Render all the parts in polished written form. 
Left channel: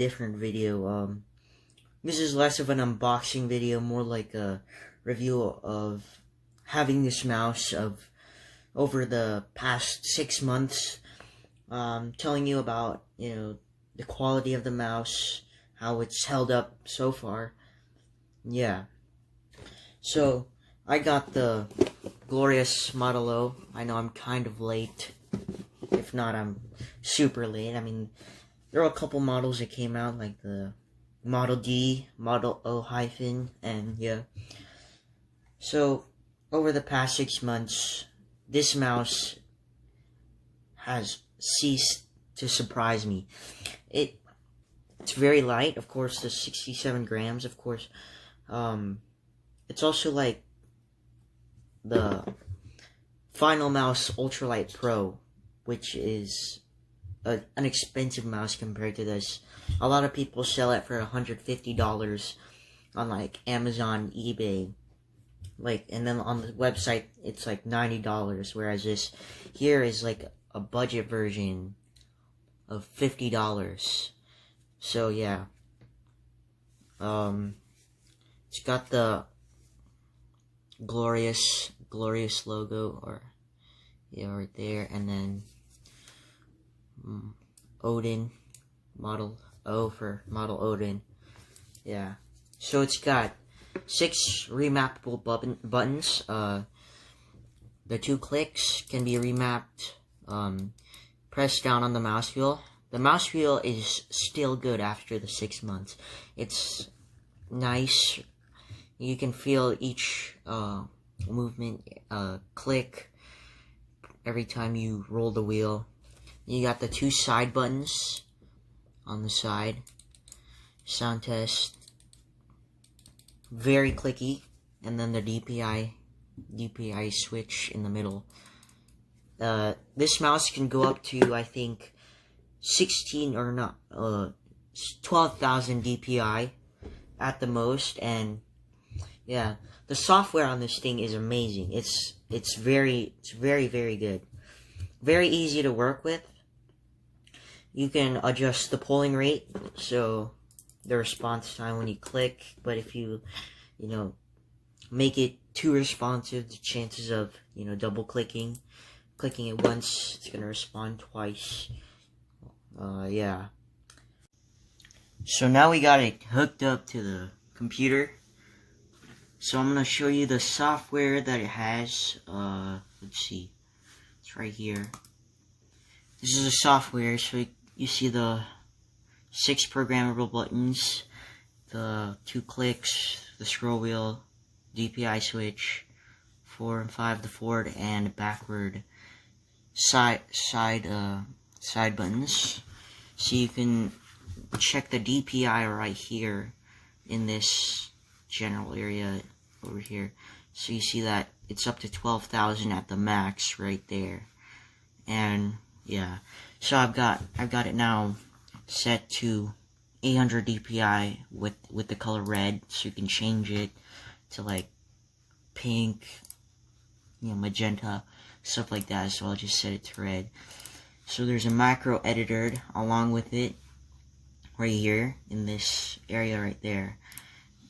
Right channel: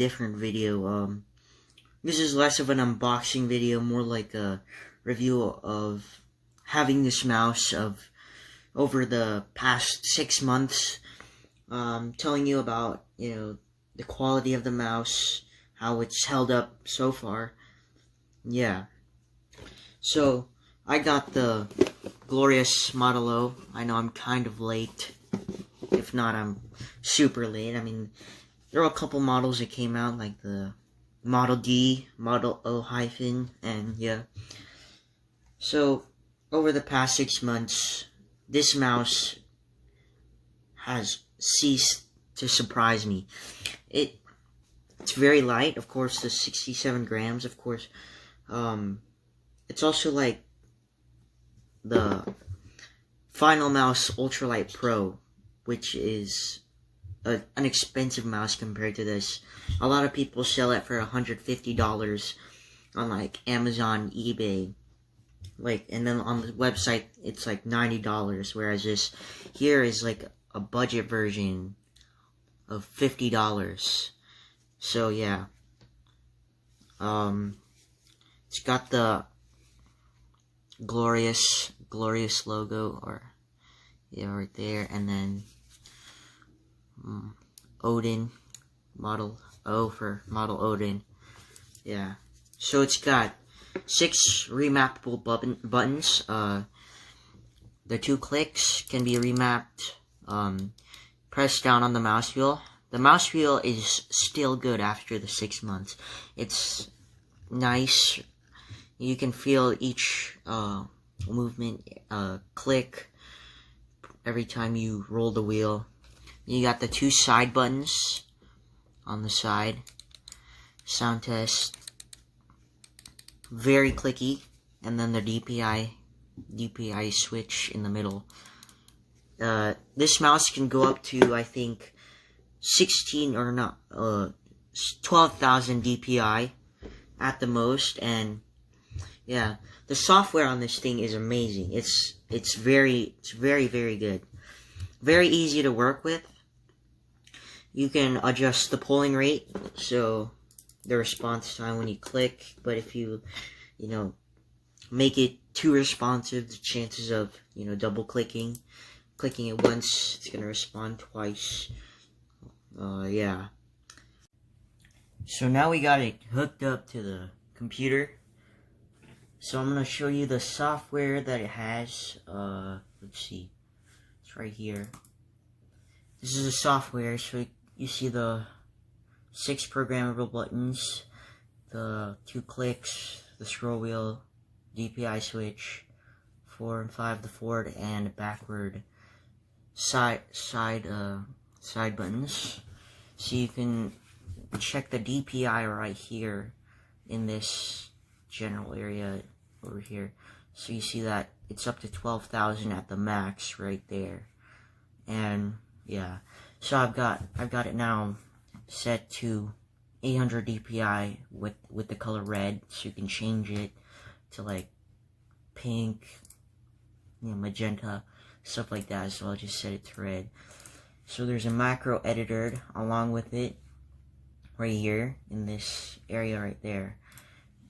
different video. This is less of an unboxing video, more like a review of having this mouse over the past 6 months. Telling you about, the quality of the mouse, how it's held up so far. Yeah. So, I got the gloriousmodelo. I know I'm kind of late. If not, I'm super late. I mean, there were a couple models that came out, like the Model D, Model O-, and yeah. So, over the past 6 months, this mouse has ceased to surprise me. It's very light, of course, the 67 grams, of course. It's also like the Finalmouse Ultralight Pro, which is an expensive mouse compared to this. A lot of people sell it for $150 on like Amazon, eBay, and then on the website it's like $90, whereas this here is like a budget version of $50. So yeah, it's got the glorious logo, or right there, and then Odin, Model O for Model Odin. Yeah, so it's got 6 remappable buttons. The 2 clicks can be remapped. Press down on the mouse wheel. The mouse wheel is still good after the 6 months. It's nice. You can feel each movement, click every time you roll the wheel. You got the 2 side buttons on the side. Sound test. Very clicky. And then the DPI switch in the middle. This mouse can go up to, I think, 12,000 DPI at the most, and yeah, the software on this thing is amazing. It's very good. Very easy to work with. You can adjust the polling rate, so the response time when you click, but if you, make it too responsive, the chances of, double clicking it once, it's gonna respond twice. Yeah. So now we got it hooked up to the computer. So I'm gonna show you the software that it has. Let's see. It's right here. This is the software, so you see the 6 programmable buttons, the 2 clicks, the scroll wheel, DPI switch, 4 and 5, the forward and backward side buttons. So you can check the DPI right here in this general area over here. So you see that it's up to 12,000 at the max right there. And yeah, so I've got it now set to 800 DPI with the color red, so you can change it to like pink, magenta, stuff like that. So I'll just set it to red. So there's a macro editor along with it right here in this area right there.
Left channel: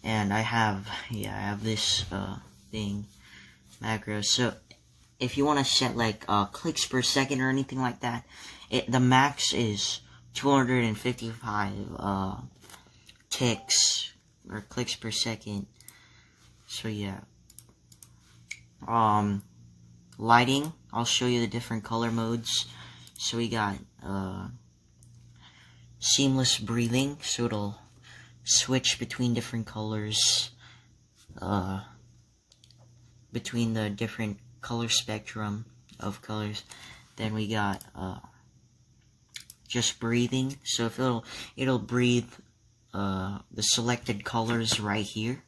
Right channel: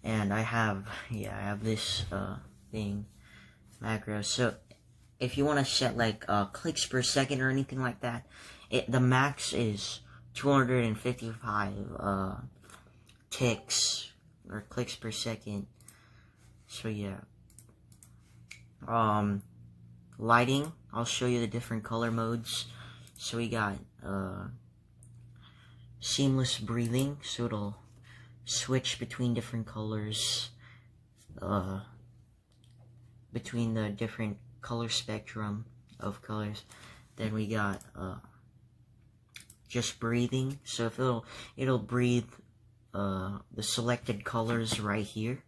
And I have this thing, macro. So if you want to set like clicks per second or anything like that, the max is 255 ticks or clicks per second. So yeah. Lighting, I'll show you the different color modes. So we got seamless breathing, so it'll switch between different colors, between the different color spectrum of colors. Then we got just breathing, so if it'll breathe the selected colors right here,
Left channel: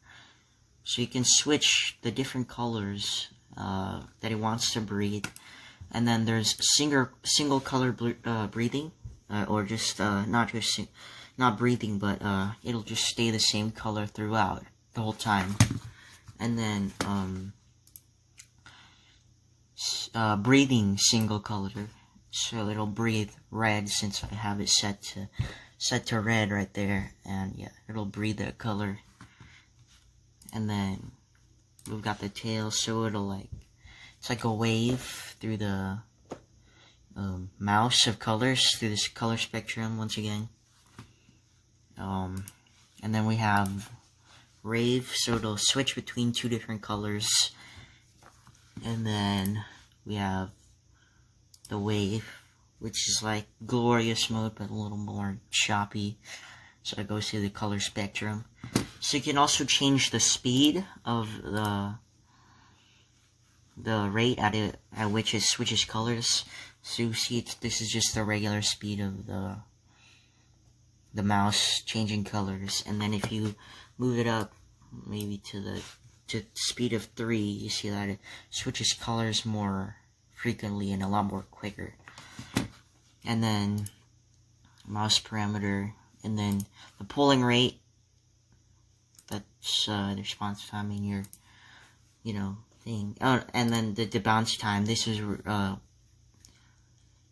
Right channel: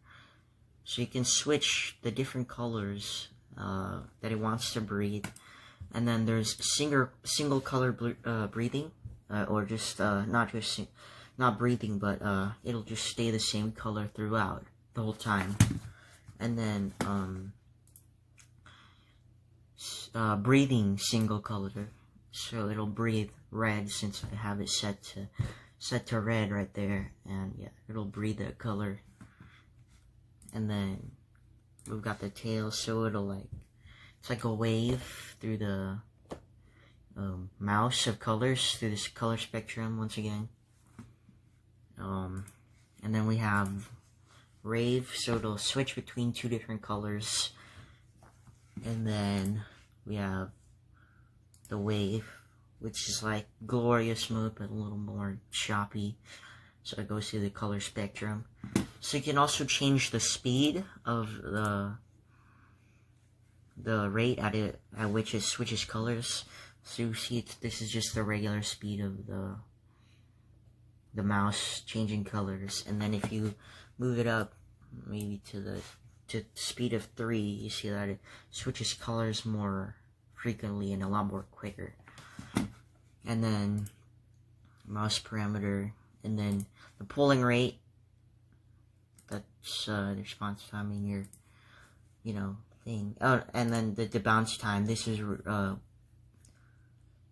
so you can switch the different colors that it wants to breathe. And then there's single color breathing, or just not breathing, but it'll just stay the same color throughout the whole time. And then breathing single color, so it'll breathe red since I have it set to set to red right there, and yeah, it'll breathe that color. And then we've got the tail, so it'll like, it's like a wave through the mouse of colors, through this color spectrum once again. And then we have rave, so it'll switch between 2 different colors. And then we have the wave, which is like glorious mode, but a little more choppy, so it goes through the color spectrum. So you can also change the speed of the rate at which it switches colors. So you see, this is just the regular speed of the mouse changing colors, and then if you move it up maybe to speed of 3, you see that it switches colors more frequently and a lot more quicker. And then mouse parameter, and then the polling rate, that's the response time in your thing. Oh, and then the bounce time, this is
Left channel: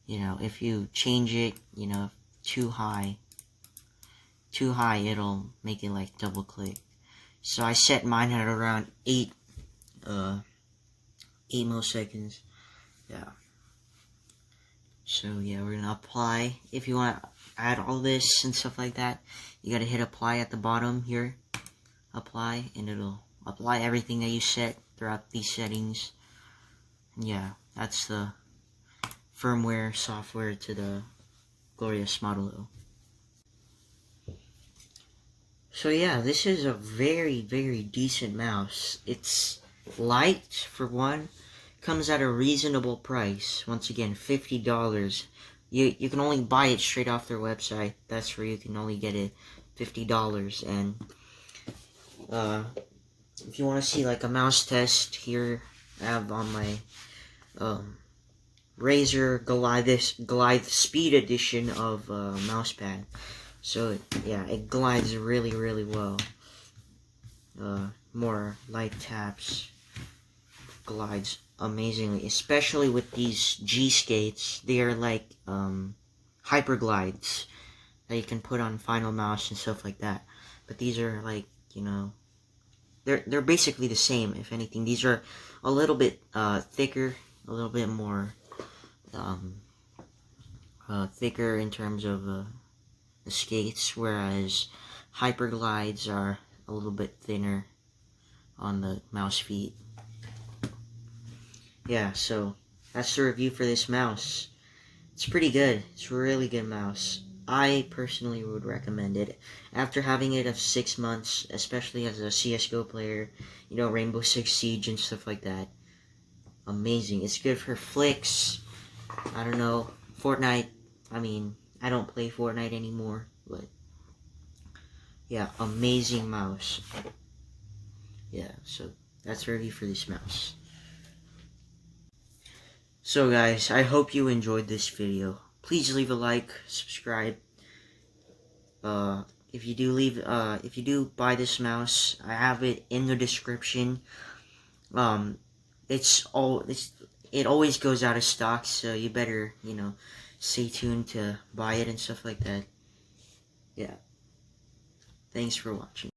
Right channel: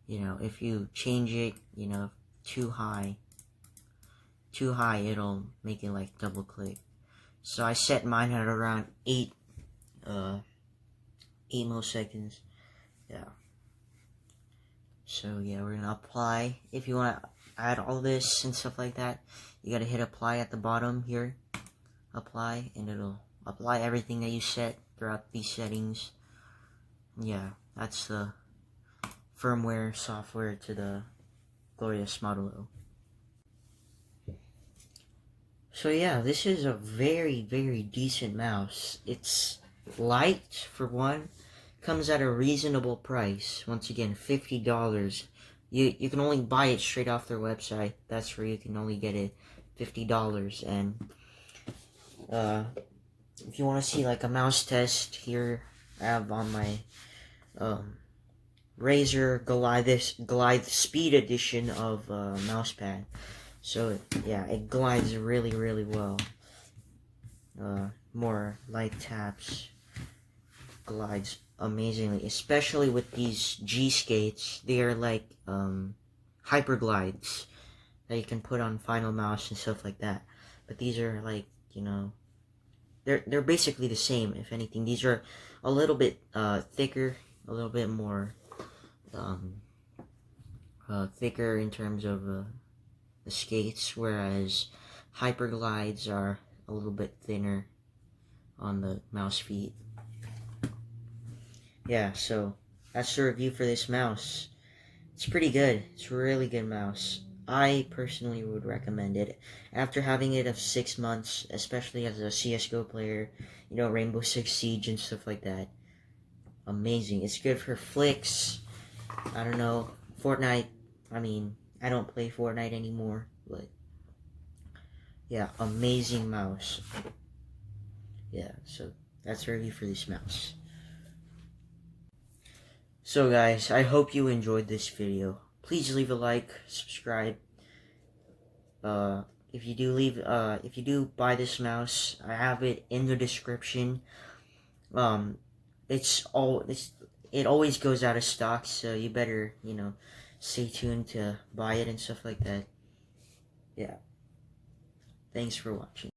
if you change it too high, it'll make it like double click. So I set mine at around 8 milliseconds. Yeah. So yeah, we're gonna apply. If you want to add all this and stuff like that, you gotta hit apply at the bottom here. Apply, and it'll apply everything that you set throughout these settings. And yeah, that's the firmware software to the gloriousmodelo. So yeah, this is a very, very decent mouse. It's light, for one. Comes at a reasonable price. Once again, $50. You can only buy it straight off their website. That's where you can only get it, $50. And if you want to see like a mouse test, here I have on my Razer Glide Speed Edition of mousepad. So yeah, it glides really, really well. More light taps, glides amazingly, especially with these G skates. They are like hyper glides that you can put on Final Mouse and stuff like that. But these are like, they're basically the same. If anything, these are a little bit thicker, a little bit more thicker in terms of the skates, whereas hyper glides are a little bit thinner on the mouse feet. Yeah, so that's the review for this mouse. It's pretty good. It's a really good mouse. I personally would recommend it. After having it of 6 months, especially as a CSGO player, Rainbow Six Siege and stuff like that. Amazing. It's good for flicks. I don't know, Fortnite. I mean, I don't play Fortnite anymore, but yeah, amazing mouse. Yeah, so that's the review for this mouse. So guys, I hope you enjoyed this video. Please leave a like, subscribe. If you do buy this mouse, I have it in the description. It always goes out of stock, so you better, stay tuned to buy it and stuff like that. Yeah. Thanks for watching.